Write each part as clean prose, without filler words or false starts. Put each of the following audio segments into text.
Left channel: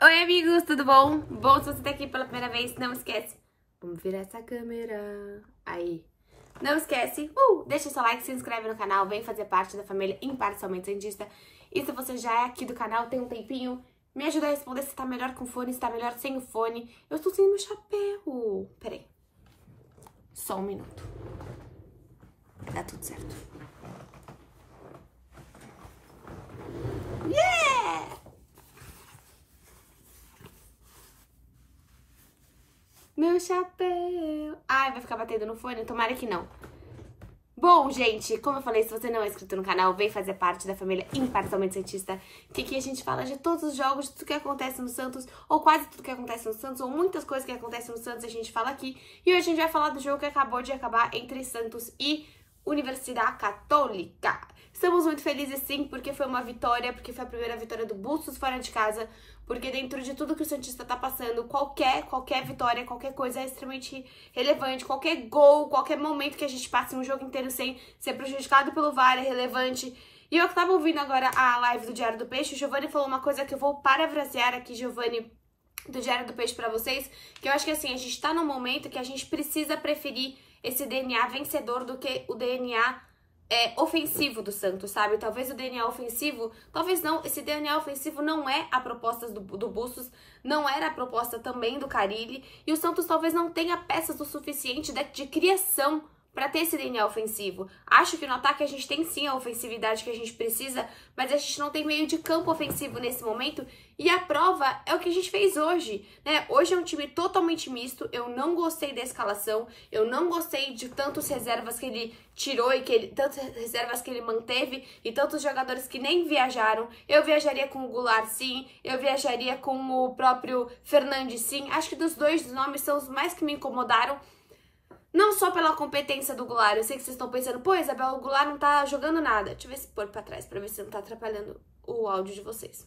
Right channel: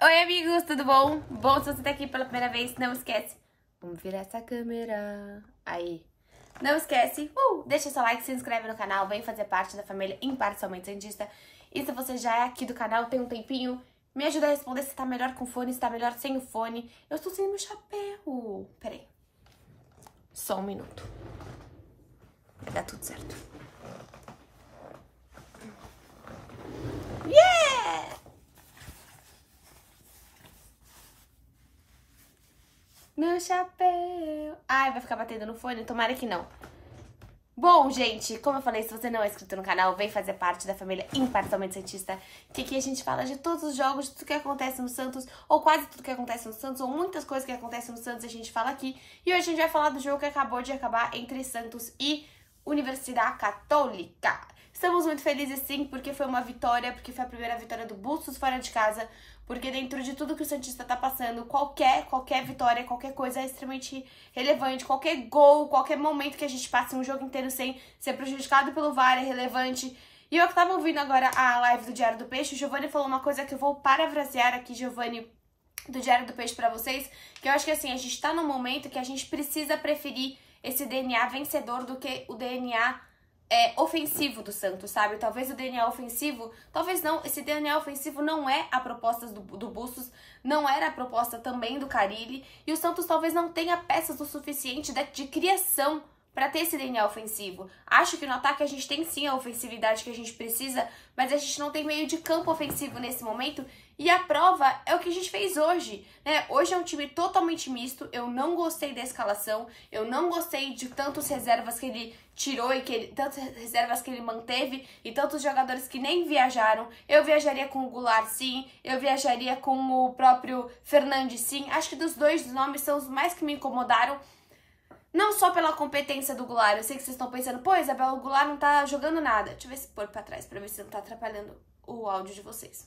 Oi, amigos, tudo bom? Bom, se você tá aqui pela primeira vez, não esquece. Vamos virar essa câmera. Aí. Não esquece, deixa seu like, se inscreve no canal, vem fazer parte da família Imparcialmente Cientista. E se você já é aqui do canal, tem um tempinho, me ajuda a responder se tá melhor com fone, se tá melhor sem o fone. Eu estou sem meu chapéu. Peraí. Só um minuto. Vai dar tudo certo. Yeah! Meu chapéu. Ai, vai ficar batendo no fone? Tomara que não. Bom, gente, como eu falei, se você não é inscrito no canal, vem fazer parte da família Imparcialmente Cientista, que aqui a gente fala de todos os jogos, de tudo que acontece no Santos, ou quase tudo que acontece no Santos, ou muitas coisas que acontecem no Santos a gente fala aqui. E hoje a gente vai falar do jogo que acabou de acabar entre Santos e Universidade Católica. Estamos muito felizes sim, porque foi uma vitória, porque foi a primeira vitória do Bustos fora de casa, porque dentro de tudo que o Santista tá passando, qualquer vitória, qualquer coisa é extremamente relevante, qualquer gol, qualquer momento que a gente passe um jogo inteiro sem ser prejudicado pelo VAR é relevante. E eu que tava ouvindo agora a live do Diário do Peixe, o Giovanni falou uma coisa que eu vou parafrasear aqui, Giovanni, do Diário do Peixe pra vocês, que eu acho que assim, a gente tá num momento que a gente precisa preferir esse DNA vencedor do que o DNA ofensivo do Santos, sabe? Talvez o DNA ofensivo, talvez não, esse DNA ofensivo não é a proposta do Bustos, não era a proposta também do Carille, e o Santos talvez não tenha peças o suficiente de criação para ter esse DNA ofensivo. Acho que no ataque a gente tem sim a ofensividade que a gente precisa, mas a gente não tem meio de campo ofensivo nesse momento, e a prova é o que a gente fez hoje, né? Hoje é um time totalmente misto, eu não gostei da escalação, eu não gostei de tantas reservas que ele tirou e tantas reservas que ele manteve e tantos jogadores que nem viajaram. Eu viajaria com o Goulart sim, eu viajaria com o próprio Fernandes sim, acho que dos dois nomes são os mais que me incomodaram. Não só pela competência do Goulart, eu sei que vocês estão pensando, pô, Isabel, o Goulart não tá jogando nada. Deixa eu ver se pôr pra trás, pra ver se não tá atrapalhando o áudio de vocês.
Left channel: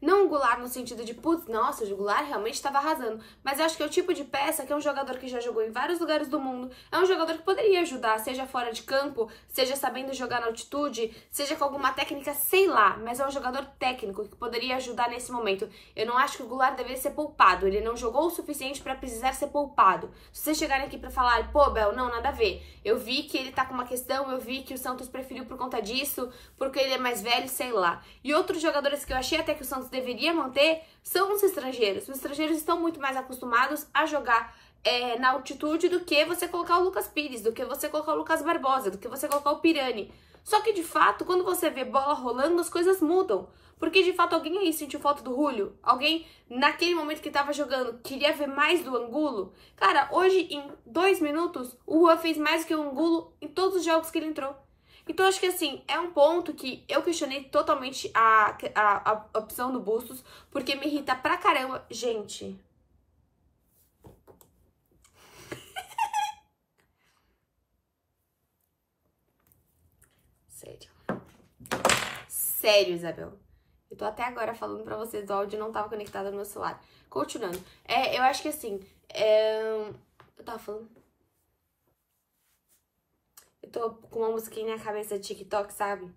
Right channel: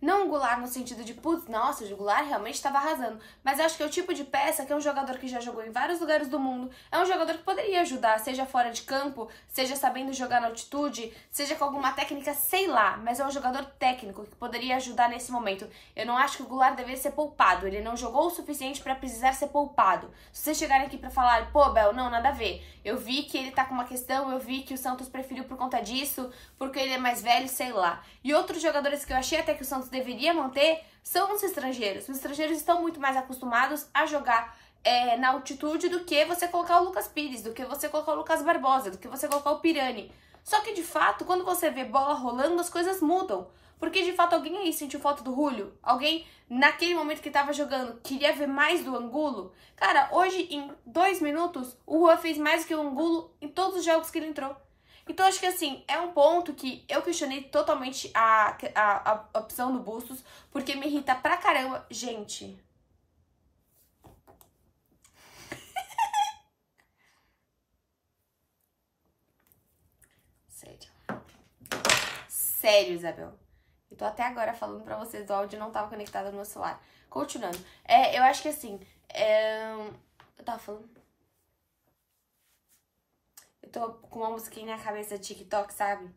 Não o Goulart no sentido de, putz, nossa, o Goulart realmente estava arrasando. Mas acho que é o tipo de peça que é um jogador que já jogou em vários lugares do mundo. É um jogador que poderia ajudar, seja fora de campo, seja sabendo jogar na altitude, seja com alguma técnica, sei lá. Mas é um jogador técnico que poderia ajudar nesse momento. Eu não acho que o Goulart deveria ser poupado. Ele não jogou o suficiente para precisar ser poupado. Se vocês chegarem aqui para falar, pô, Bel, não, nada a ver. Eu vi que ele tá com uma questão, eu vi que o Santos preferiu por conta disso, porque ele é mais velho, sei lá. E outros jogadores que eu achei até que o Santos deveria manter são os estrangeiros. Os estrangeiros estão muito mais acostumados a jogar na altitude do que você colocar o Lucas Pires, do que você colocar o Lucas Barbosa, do que você colocar o Pirani. Só que, de fato, quando você vê bola rolando, as coisas mudam. Porque, de fato, alguém aí sentiu falta do Julio? Alguém, naquele momento que tava jogando, queria ver mais do Angulo? Cara, hoje, em 2 minutos, o Juan fez mais que o Angulo em todos os jogos que ele entrou. Então, acho que assim, é um ponto que eu questionei totalmente a opção do Bustos, porque me irrita pra caramba. Gente. Sério. Sério, Isabel. Eu tô até agora falando pra vocês, o áudio não tava conectado no meu celular. Continuando. Eu acho que assim, eu tava falando... Eu tô com uma musiquinha na cabeça de TikTok, sabe?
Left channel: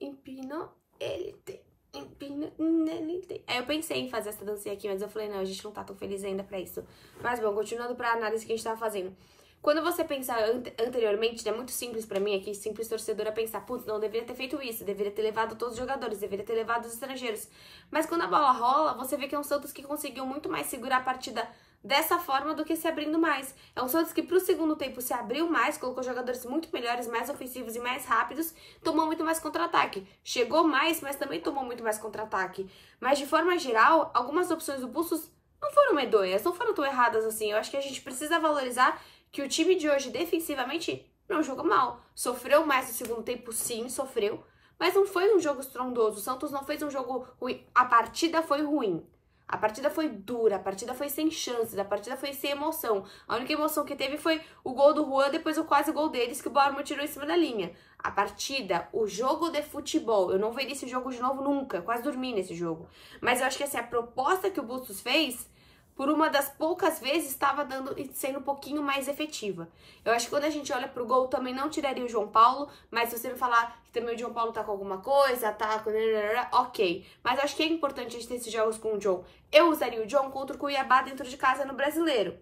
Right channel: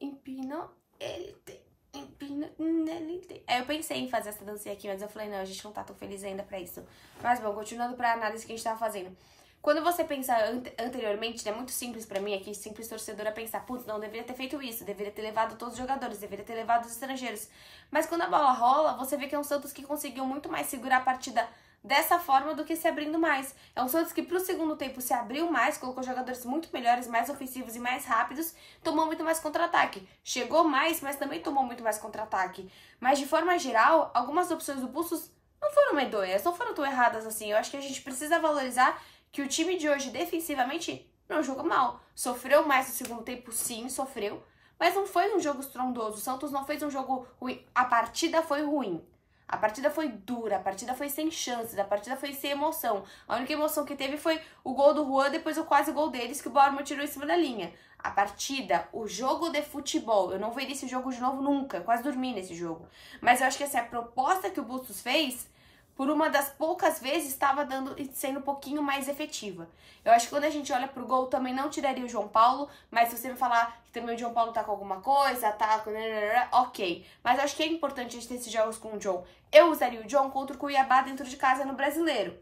Empina, ele tem. Empina, ele tem. Aí eu pensei em fazer essa dancinha aqui, mas eu falei, não, a gente não tá tão feliz ainda pra isso. Mas bom, continuando pra análise que a gente tava fazendo. Quando você pensa anteriormente, é muito simples pra mim aqui, simples torcedora, pensar, putz, não deveria ter feito isso, deveria ter levado todos os jogadores, deveria ter levado os estrangeiros. Mas quando a bola rola, você vê que é um Santos que conseguiu muito mais segurar a partida dessa forma do que se abrindo mais. É um Santos que pro segundo tempo se abriu mais, colocou jogadores muito melhores, mais ofensivos e mais rápidos, tomou muito mais contra-ataque. Chegou mais, mas também tomou muito mais contra-ataque. Mas de forma geral, algumas opções do Bustos não foram medonhas, não foram tão erradas assim. Eu acho que a gente precisa valorizar que o time de hoje defensivamente não jogou mal. Sofreu mais no segundo tempo, sim, sofreu. Mas não foi um jogo estrondoso. O Santos não fez um jogo ruim. A partida foi ruim. A partida foi dura, a partida foi sem chances, a partida foi sem emoção. A única emoção que teve foi o gol do Juan, depois o quase gol deles que o Bauerman tirou em cima da linha. A partida, o jogo de futebol, eu não veria esse jogo de novo nunca, quase dormi nesse jogo. Mas eu acho que assim, a proposta que o Bustos fez, por uma das poucas vezes, estava sendo um pouquinho mais efetiva. Eu acho que quando a gente olha pro gol, também não tiraria o João Paulo, mas se você me falar que também o João Paulo tá com alguma coisa, tá com... ok. Mas eu acho que é importante a gente ter esses jogos com o John. Eu usaria o John contra o Cuiabá dentro de casa no Brasileiro.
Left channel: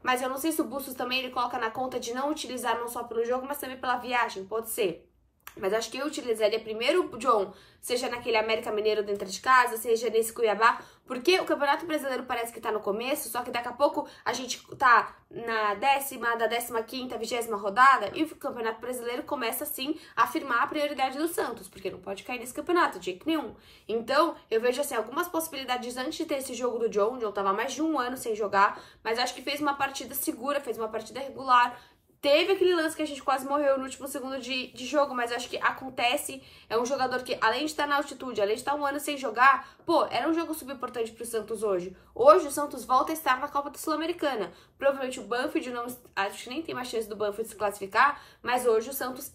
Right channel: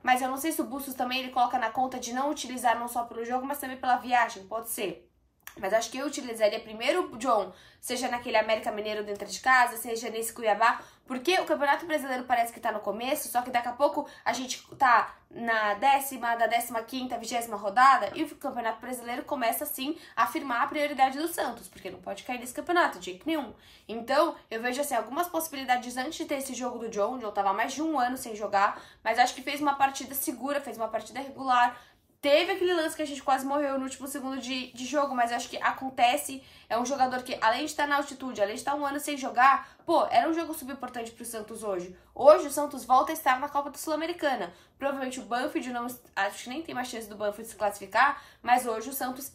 Mas eu não sei se o Bustos também ele coloca na conta de não utilizar não só pelo jogo, mas também pela viagem, pode ser. Mas acho que eu utilizaria primeiro o John, seja naquele América Mineiro dentro de casa, seja nesse Cuiabá, porque o Campeonato Brasileiro parece que tá no começo, só que daqui a pouco a gente tá na 15ª, 20ª rodada e o Campeonato Brasileiro começa, assim, a afirmar a prioridade do Santos, porque não pode cair nesse campeonato de jeito nenhum. Então, eu vejo, assim, algumas possibilidades antes de ter esse jogo do John, onde eu tava mais de um ano sem jogar, mas acho que fez uma partida segura, fez uma partida regular. Teve aquele lance que a gente quase morreu no último segundo de jogo, mas acho que acontece. É um jogador que, além de estar na altitude, além de estar um ano sem jogar, pô, era um jogo subimportante pro Santos hoje. Hoje o Santos volta a estar na Copa da Sul-Americana. Provavelmente o Banfield não... Acho que nem tem mais chance do Banfield se classificar, mas hoje o Santos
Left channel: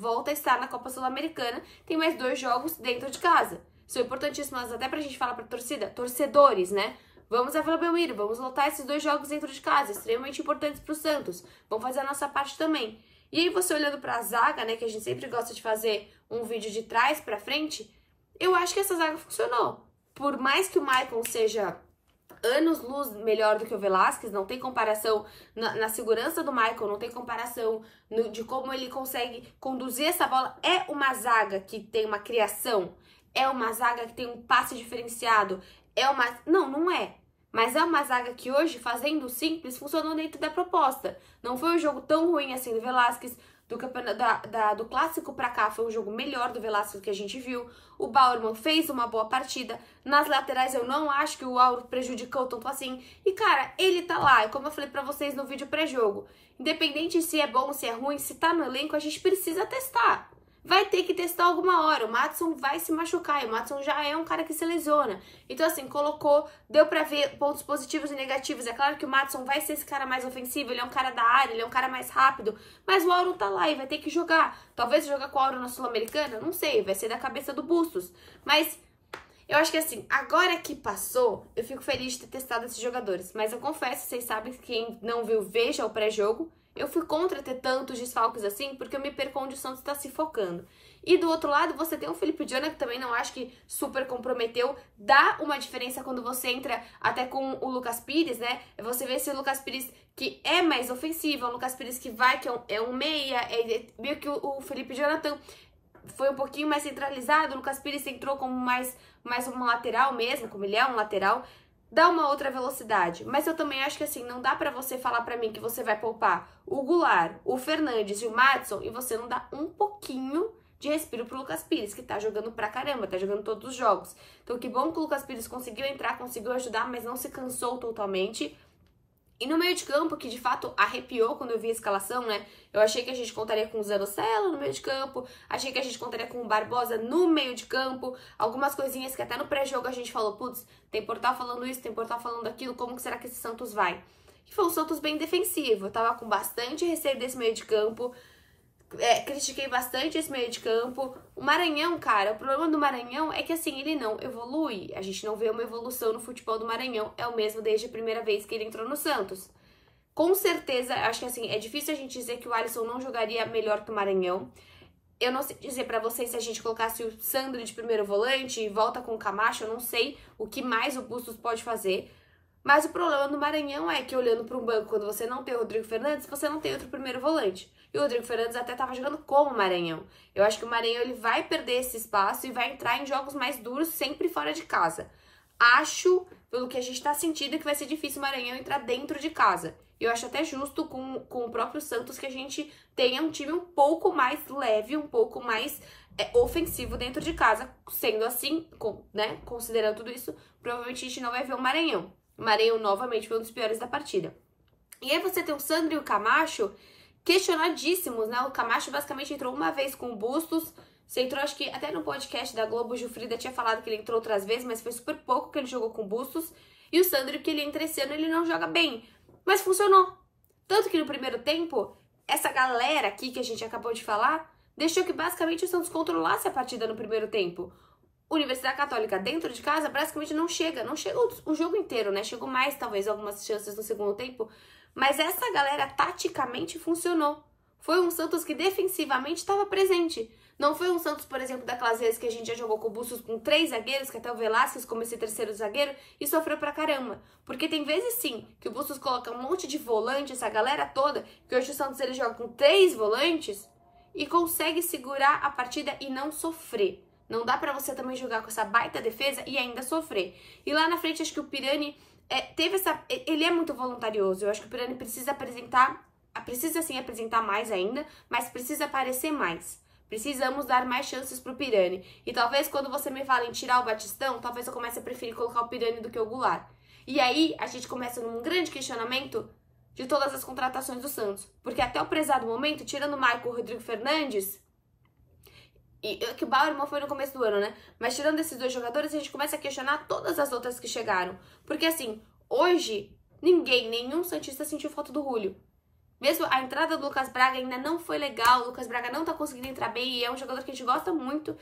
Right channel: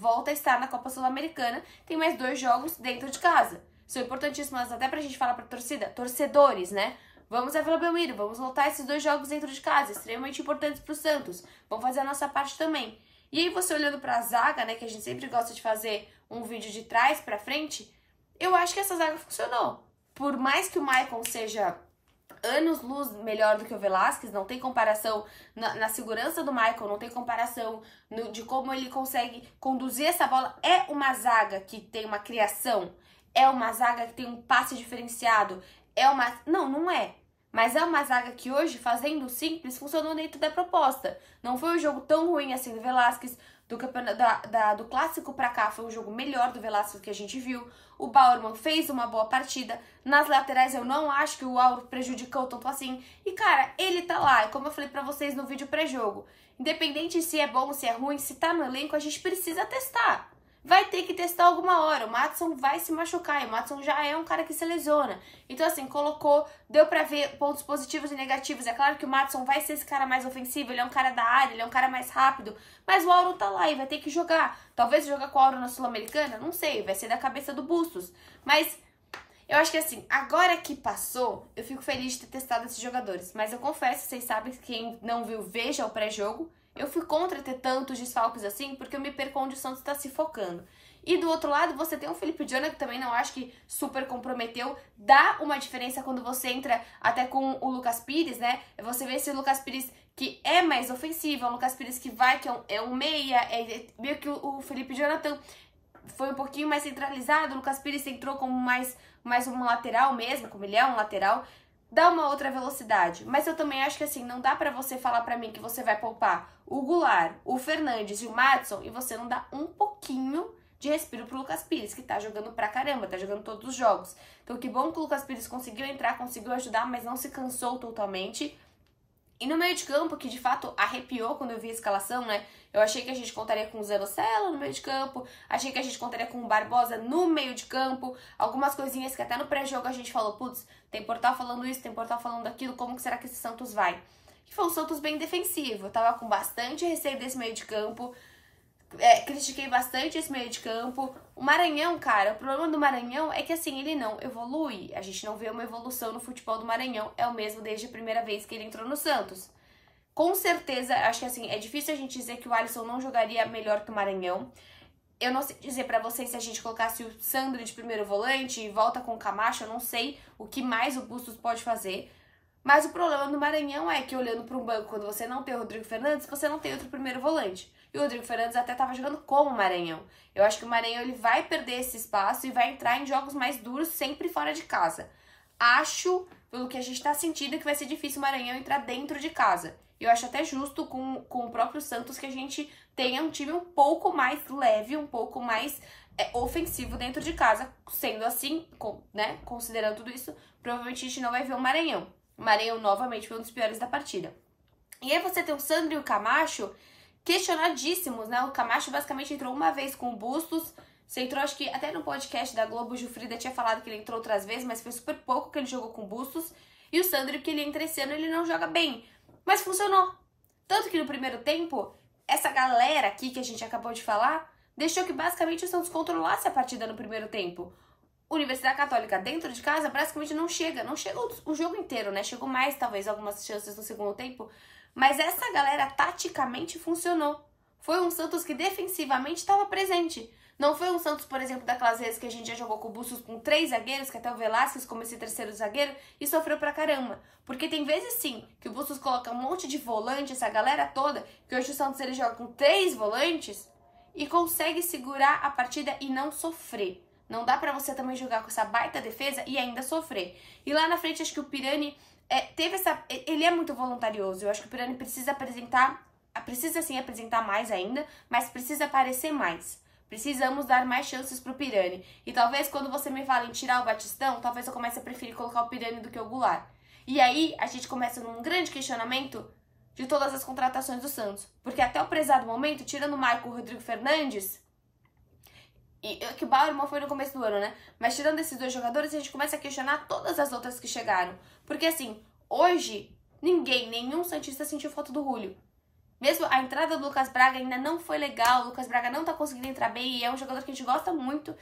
volta a estar na Copa Sul-Americana. Tem mais 2 jogos dentro de casa. São importantíssimos até pra gente falar pra torcida, torcedores, né? Vamos a Vila Belmiro, vamos lotar esses 2 jogos dentro de casa, extremamente importantes para o Santos. Vamos fazer a nossa parte também. E aí você olhando para a zaga, né, que a gente sempre gosta de fazer um vídeo de trás para frente, eu acho que essa zaga funcionou. Por mais que o Maicon seja anos-luz melhor do que o Velasquez, não tem comparação na segurança do Maicon, não tem comparação de como ele consegue conduzir essa bola. É uma zaga que tem uma criação, é uma zaga que tem um passe diferenciado, não é. Mas é uma zaga que hoje, fazendo o simples, funcionou dentro da proposta. Não foi um jogo tão ruim assim do Velasquez. Do clássico pra cá foi um jogo melhor do Velasquez que a gente viu. O Bauerman fez uma boa partida. Nas laterais eu não acho que o Auro prejudicou tanto assim. E cara, ele tá lá. E como eu falei pra vocês no vídeo pré-jogo, independente se é bom, se é ruim, se tá no elenco, a gente precisa testar. Vai ter que testar alguma hora, o Madison vai se machucar, e o Madison já é um cara que se lesiona. Então assim, deu pra ver pontos positivos e negativos. É claro que o Madison vai ser esse cara mais ofensivo, ele é um cara da área, ele é um cara mais rápido, mas o Auro tá lá e vai ter que jogar. Talvez jogar com o Auro na Sul-Americana, não sei, vai ser da cabeça do Bustos. Mas eu acho que assim, agora que passou, eu fico feliz de ter testado esses jogadores. Mas eu confesso, vocês sabem que quem não viu, veja o pré-jogo. Eu fui contra ter tantos desfalques assim, porque eu me perco onde o Santos tá se focando. E do outro lado, você tem o Felipe Jonah, que também não acho que super comprometeu. Dá uma diferença quando você entra até com o Lucas Pires, né? Você vê esse Lucas Pires que é mais ofensivo, é um Lucas Pires que vai, que é um meia, meio que o Felipe Jonathan foi um pouquinho mais centralizado, o Lucas Pires entrou como mais um lateral mesmo, como ele é um lateral. Dá uma outra velocidade, mas eu também acho que assim, não dá pra você falar pra mim que você vai poupar o Goulart, o Fernandes e o Madison e você não dá um pouquinho de respiro pro Lucas Pires, que tá jogando pra caramba, tá jogando todos os jogos. Então que bom que o Lucas Pires conseguiu entrar, conseguiu ajudar, mas não se cansou totalmente. E no meio de campo, que de fato arrepiou quando eu vi a escalação, né? Eu achei que a gente contaria com o Zanocelo no meio de campo, achei que a gente contaria com o Barbosa no meio de campo, algumas coisinhas que até no pré-jogo a gente falou, putz, tem portal falando isso, tem portal falando aquilo, como que será que esse Santos vai? E foi um Santos bem defensivo, eu tava com bastante receio desse meio de campo, critiquei bastante esse meio de campo. O Maranhão, cara, o problema do Maranhão é que assim, ele não evolui. A gente não vê uma evolução no futebol do Maranhão. É o mesmo desde a primeira vez que ele entrou no Santos. Com certeza, acho que assim, é difícil a gente dizer que o Alisson não jogaria melhor que o Maranhão. Eu não sei dizer pra vocês se a gente colocasse o Sandro de primeiro volante e volta com o Camacho, eu não sei o que mais o Bustos pode fazer. Mas o problema do Maranhão é que olhando para um banco, quando você não tem o Rodrigo Fernandes, você não tem outro primeiro volante. E o Rodrigo Fernandes até estava jogando como o Maranhão. Eu acho que o Maranhão ele vai perder esse espaço e vai entrar em jogos mais duros sempre fora de casa. Acho, pelo que a gente está sentindo, que vai ser difícil o Maranhão entrar dentro de casa. E eu acho até justo com o próprio Santos que a gente tenha um time um pouco mais leve, um pouco mais ofensivo dentro de casa. Sendo assim, né, considerando tudo isso, provavelmente a gente não vai ver o Maranhão. O Maranhão novamente foi um dos piores da partida. E aí você tem o Sandro e o Camacho questionadíssimos, né? O Camacho basicamente entrou uma vez com o Bustos. Você entrou, acho que até no podcast da Globo, o Gilfrida tinha falado que ele entrou outras vezes, mas foi super pouco que ele jogou com o Bustos. E o Sandro, que ele entra esse ano, ele não joga bem. Mas funcionou. Tanto que no primeiro tempo, essa galera aqui que a gente acabou de falar, deixou que basicamente o Santos controlasse a partida no primeiro tempo. Universidade Católica dentro de casa praticamente não chega o jogo inteiro, né? Chegou mais, talvez, algumas chances no segundo tempo, mas essa galera taticamente funcionou. Foi um Santos que defensivamente estava presente. Não foi um Santos, por exemplo, daquelas vezes que a gente já jogou com o Bustos com 3 zagueiros, que até o Velasquez como esse terceiro zagueiro, e sofreu pra caramba. Porque tem vezes sim que o Bustos coloca um monte de volante, essa galera toda, que hoje o Santos ele joga com 3 volantes e consegue segurar a partida e não sofrer. Não dá pra você também jogar com essa baita defesa e ainda sofrer. E lá na frente, acho que o Pirani teve essa... Ele é muito voluntarioso. Eu acho que o Pirani precisa sim apresentar mais ainda, mas precisa aparecer mais. Precisamos dar mais chances pro Pirani. E talvez quando você me fala em tirar o Batistão, talvez eu comece a preferir colocar o Pirani do que o Goulart. E aí a gente começa num grande questionamento de todas as contratações do Santos. Porque até o prezado momento, tirando o Maicon e o Rodrigo Fernandes... E que o Bauerman foi no começo do ano, né? Mas tirando esses 2 jogadores, a gente começa a questionar todas as outras que chegaram. Porque assim, hoje, nenhum santista sentiu falta do Julio. Mesmo a entrada do Lucas Braga ainda não foi legal, o Lucas Braga não tá conseguindo entrar bem e é um jogador que a gente gosta muito.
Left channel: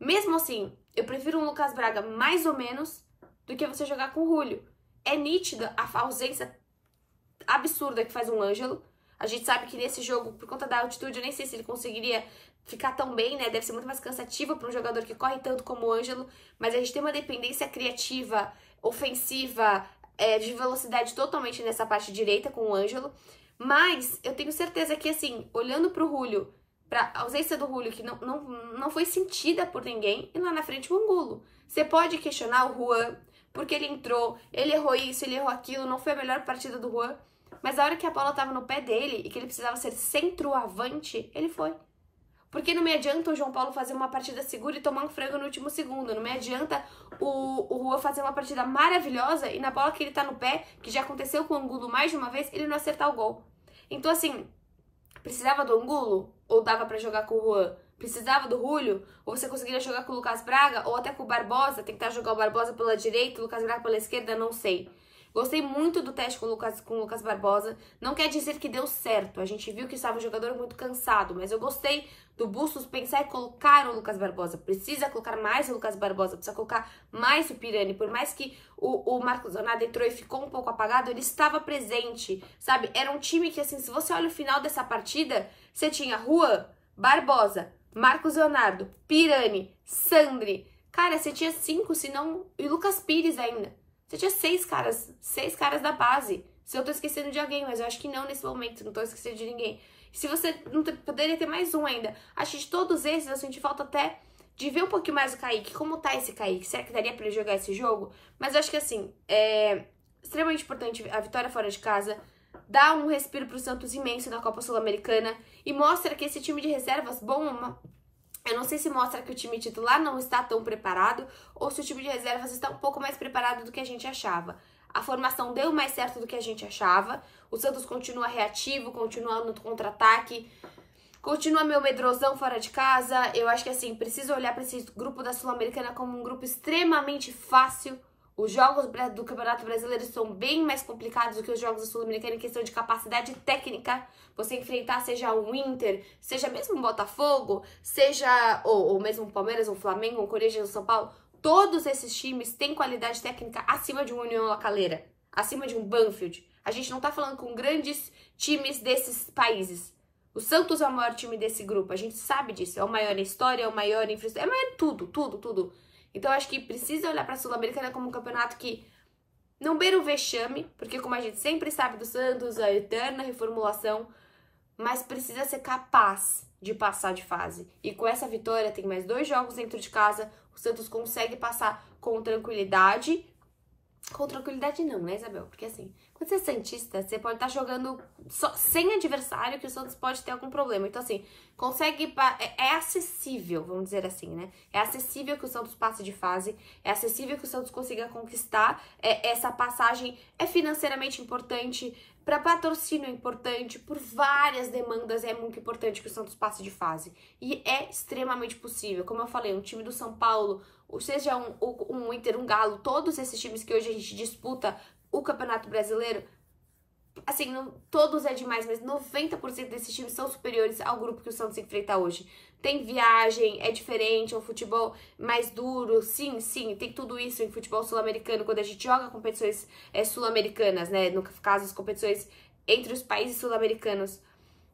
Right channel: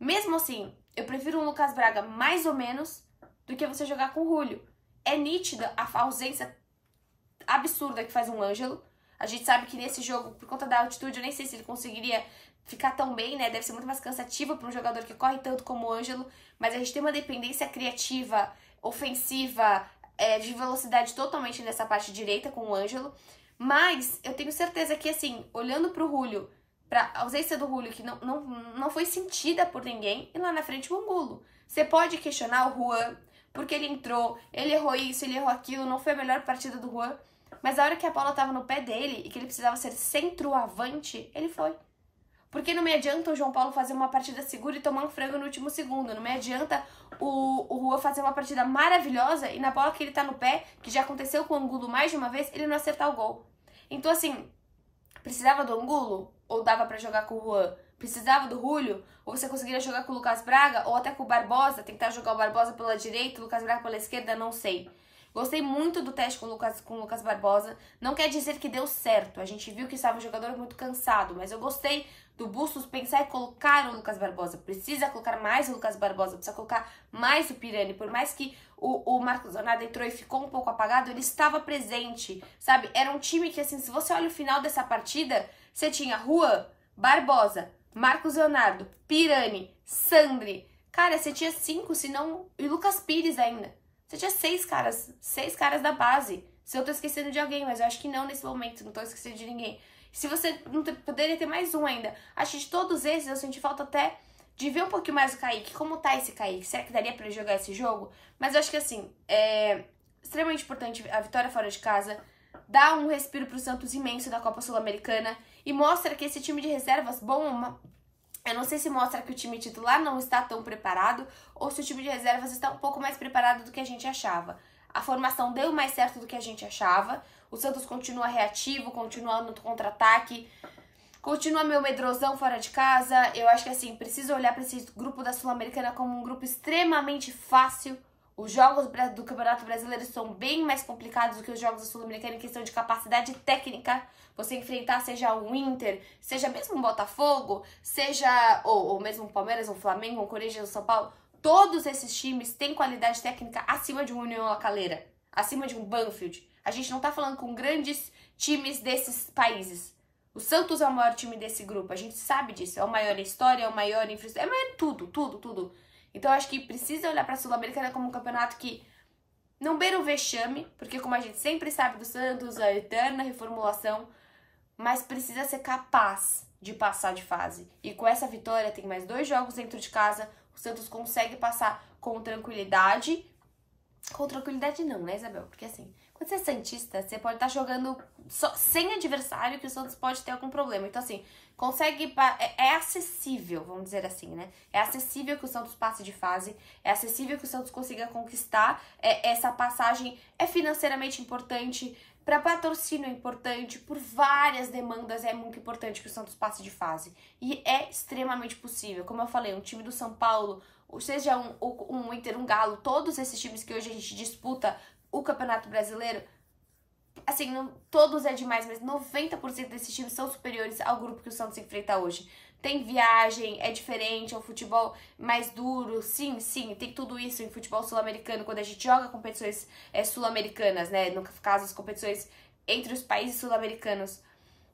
Mesmo assim, eu prefiro um Lucas Braga mais ou menos do que você jogar com o Julio. É nítida a ausência absurda que faz um Ângelo. A gente sabe que nesse jogo, por conta da altitude, eu nem sei se ele conseguiria ficar tão bem, né? Deve ser muito mais cansativo para um jogador que corre tanto como o Ângelo, mas a gente tem uma dependência criativa, ofensiva, de velocidade totalmente nessa parte direita com o Ângelo. Mas eu tenho certeza que, assim, olhando pro Julio, pra ausência do Julio, que não foi sentida por ninguém, e lá na frente o Angulo. Você pode questionar o Juan, porque ele entrou, ele errou isso, ele errou aquilo, não foi a melhor partida do Juan, mas a hora que a bola tava no pé dele e que ele precisava ser centroavante, ele foi. Porque não me adianta o João Paulo fazer uma partida segura e tomar um frango no último segundo. Não me adianta o Juan fazer uma partida maravilhosa e na bola que ele tá no pé, que já aconteceu com o Angulo mais de uma vez, ele não acertar o gol. Então, assim, precisava do Angulo? Ou dava pra jogar com o Juan? Precisava do Julio? Ou você conseguiria jogar com o Lucas Braga? Ou até com o Barbosa? Tentar jogar o Barbosa pela direita, o Lucas Braga pela esquerda? Não sei. Gostei muito do teste com o Lucas Barbosa. Não quer dizer que deu certo. A gente viu que estava um jogador muito cansado. Mas eu gostei do Bustos pensar em colocar o Lucas Barbosa. Precisa colocar mais o Lucas Barbosa. Precisa colocar mais o Pirani. Por mais que o Marcos Leonardo entrou e ficou um pouco apagado, ele estava presente, sabe? Era um time que, assim, se você olha o final dessa partida, você tinha Juan, Barbosa, Marcos Leonardo, Pirani, Sandri. Cara, você tinha 5, se não... E Lucas Pires ainda. Você tinha 6 caras da base. Se eu tô esquecendo de alguém, mas eu acho que não nesse momento, não tô esquecendo de ninguém. Se você não poderia ter mais um ainda. Acho que de todos esses eu senti falta até de ver um pouquinho mais o Kaique. Como tá esse Kaique? Será que daria pra ele jogar esse jogo? Mas eu acho que assim, é extremamente importante a vitória fora de casa. Dá um respiro pro Santos imenso da Copa Sul-Americana. E mostra que esse time de reservas, bom... Eu não sei se mostra que o time titular não está tão preparado ou se o time de reservas está um pouco mais preparado do que a gente achava. A formação deu mais certo do que a gente achava. O Santos continua reativo, continua no contra-ataque, continua meio medrosão fora de casa. Eu acho que, assim, preciso olhar para esse grupo da Sul-Americana como um grupo extremamente fácil. Os jogos do Campeonato Brasileiro são bem mais complicados do que os jogos da Sul-Americana em questão de capacidade técnica. Você enfrentar, seja o Inter, seja mesmo o Botafogo, seja ou mesmo o Palmeiras, o Flamengo, o Corinthians, o São Paulo. Todos esses times têm qualidade técnica acima de um União La Calera, acima de um Banfield. A gente não tá falando com grandes times desses países. O Santos é o maior time desse grupo, a gente sabe disso. É o maior em história, é o maior em infraestrutura, é o maior em tudo. Então, eu acho que precisa olhar para a Sul-Americana como um campeonato que não beira o vexame, porque como a gente sempre sabe do Santos, a eterna reformulação, mas precisa ser capaz de passar de fase. E com essa vitória, tem mais 2 jogos dentro de casa, o Santos consegue passar com tranquilidade. Com tranquilidade não, né, Isabel? Porque assim, quando você é santista, você pode estar jogando só, sem adversário, que o Santos pode ter algum problema. Então, assim, consegue... É acessível, vamos dizer assim, né? É acessível que o Santos passe de fase, é acessível que o Santos consiga conquistar. Essa passagem é financeiramente importante, para patrocínio é importante, por várias demandas é muito importante que o Santos passe de fase. E é extremamente possível. Como eu falei, um time do São Paulo, ou seja um Inter, um Galo, todos esses times que hoje a gente disputa o Campeonato Brasileiro, assim, todos é demais, mas 90% desses times são superiores ao grupo que o Santos enfrenta hoje. tem viagem, é diferente, é um futebol mais duro, sim, tem tudo isso em futebol sul-americano, quando a gente joga competições sul-americanas, né, no caso as competições entre os países sul-americanos,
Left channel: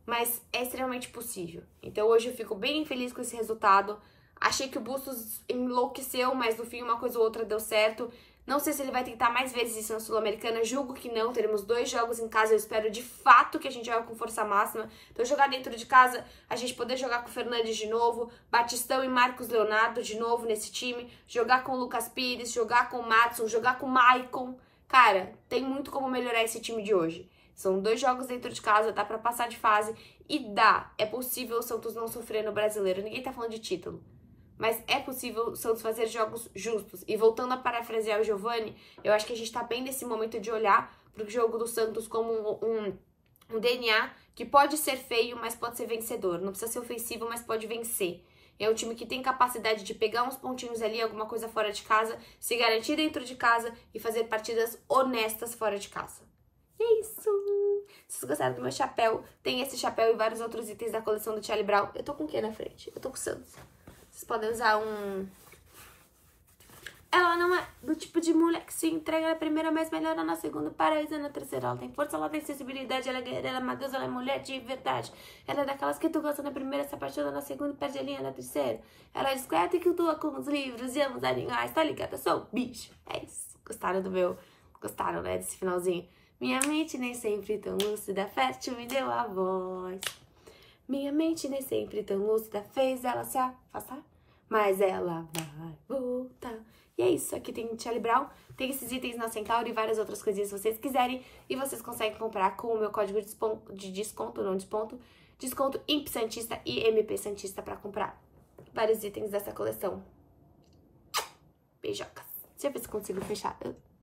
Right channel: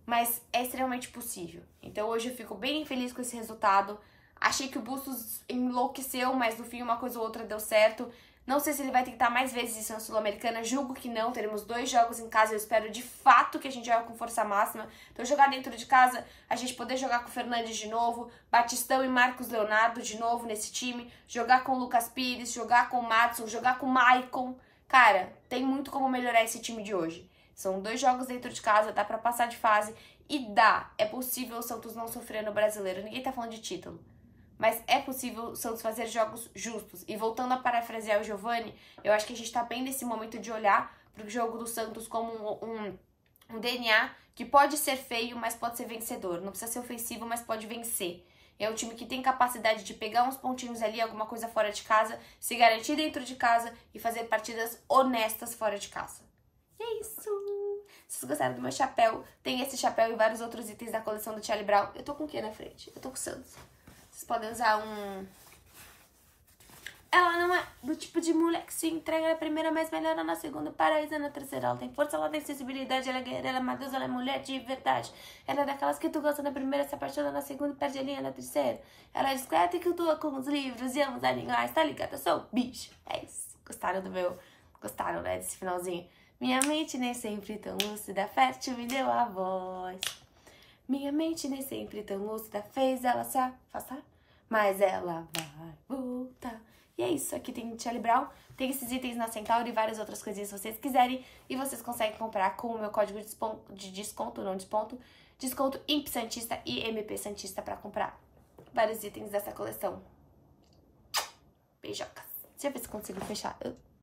mas é extremamente possível. Então hoje eu fico bem feliz com esse resultado. Achei que o Bustos enlouqueceu, mas no fim uma coisa ou outra deu certo. Não sei se ele vai tentar mais vezes isso na Sul-Americana, julgo que não. Teremos 2 jogos em casa, eu espero de fato que a gente jogue com força máxima. Então jogar dentro de casa, a gente poder jogar com o Fernandes de novo, Batistão e Marcos Leonardo de novo nesse time, jogar com o Lucas Pires, jogar com o Madison, jogar com o Maicon. Cara, tem muito como melhorar esse time de hoje. São 2 jogos dentro de casa, dá pra passar de fase e dá. É possível o Santos não sofrer no Brasileiro. Ninguém tá falando de título. Mas é possível o Santos fazer jogos justos. E voltando a parafrasear o Giovani, eu acho que a gente tá bem nesse momento de olhar pro jogo do Santos como um DNA que pode ser feio, mas pode ser vencedor. Não precisa ser ofensivo, mas pode vencer. É um time que tem capacidade de pegar uns pontinhos ali, alguma coisa fora de casa, se garantir dentro de casa e fazer partidas honestas fora de casa. E é isso! Se vocês gostaram do meu chapéu, tem esse chapéu e vários outros itens da coleção do Charlie Brown. Eu tô com o que na frente? Eu tô com o Santos. Vocês podem usar um... Ela não é do tipo de mulher que se entrega na primeira, mas melhora na segunda, paraíso na terceira. Ela tem força, ela tem sensibilidade, ela é guerreira, ela é madeira, ela é mulher de verdade. Ela é daquelas que tu gosta na primeira, se apaixona na segunda e perde a linha na terceira. Ela é discreta e que tua com os livros e ama os animais, tá ligada? Sou bicho. É isso. Gostaram do meu... Gostaram, né, desse finalzinho? Minha mente nem sempre tão lúcida, fértil me deu a voz. Minha mente nem sempre tão lúcida, fez ela se afastar, mas ela vai voltar. E é isso, aqui tem Charlie Brown, tem esses itens na Centauro e várias outras coisinhas se vocês quiserem. E vocês conseguem comprar com o meu código de desconto, desconto IMP Santista e MP Santista pra comprar vários itens dessa coleção. Beijocas. Deixa eu ver se consigo fechar.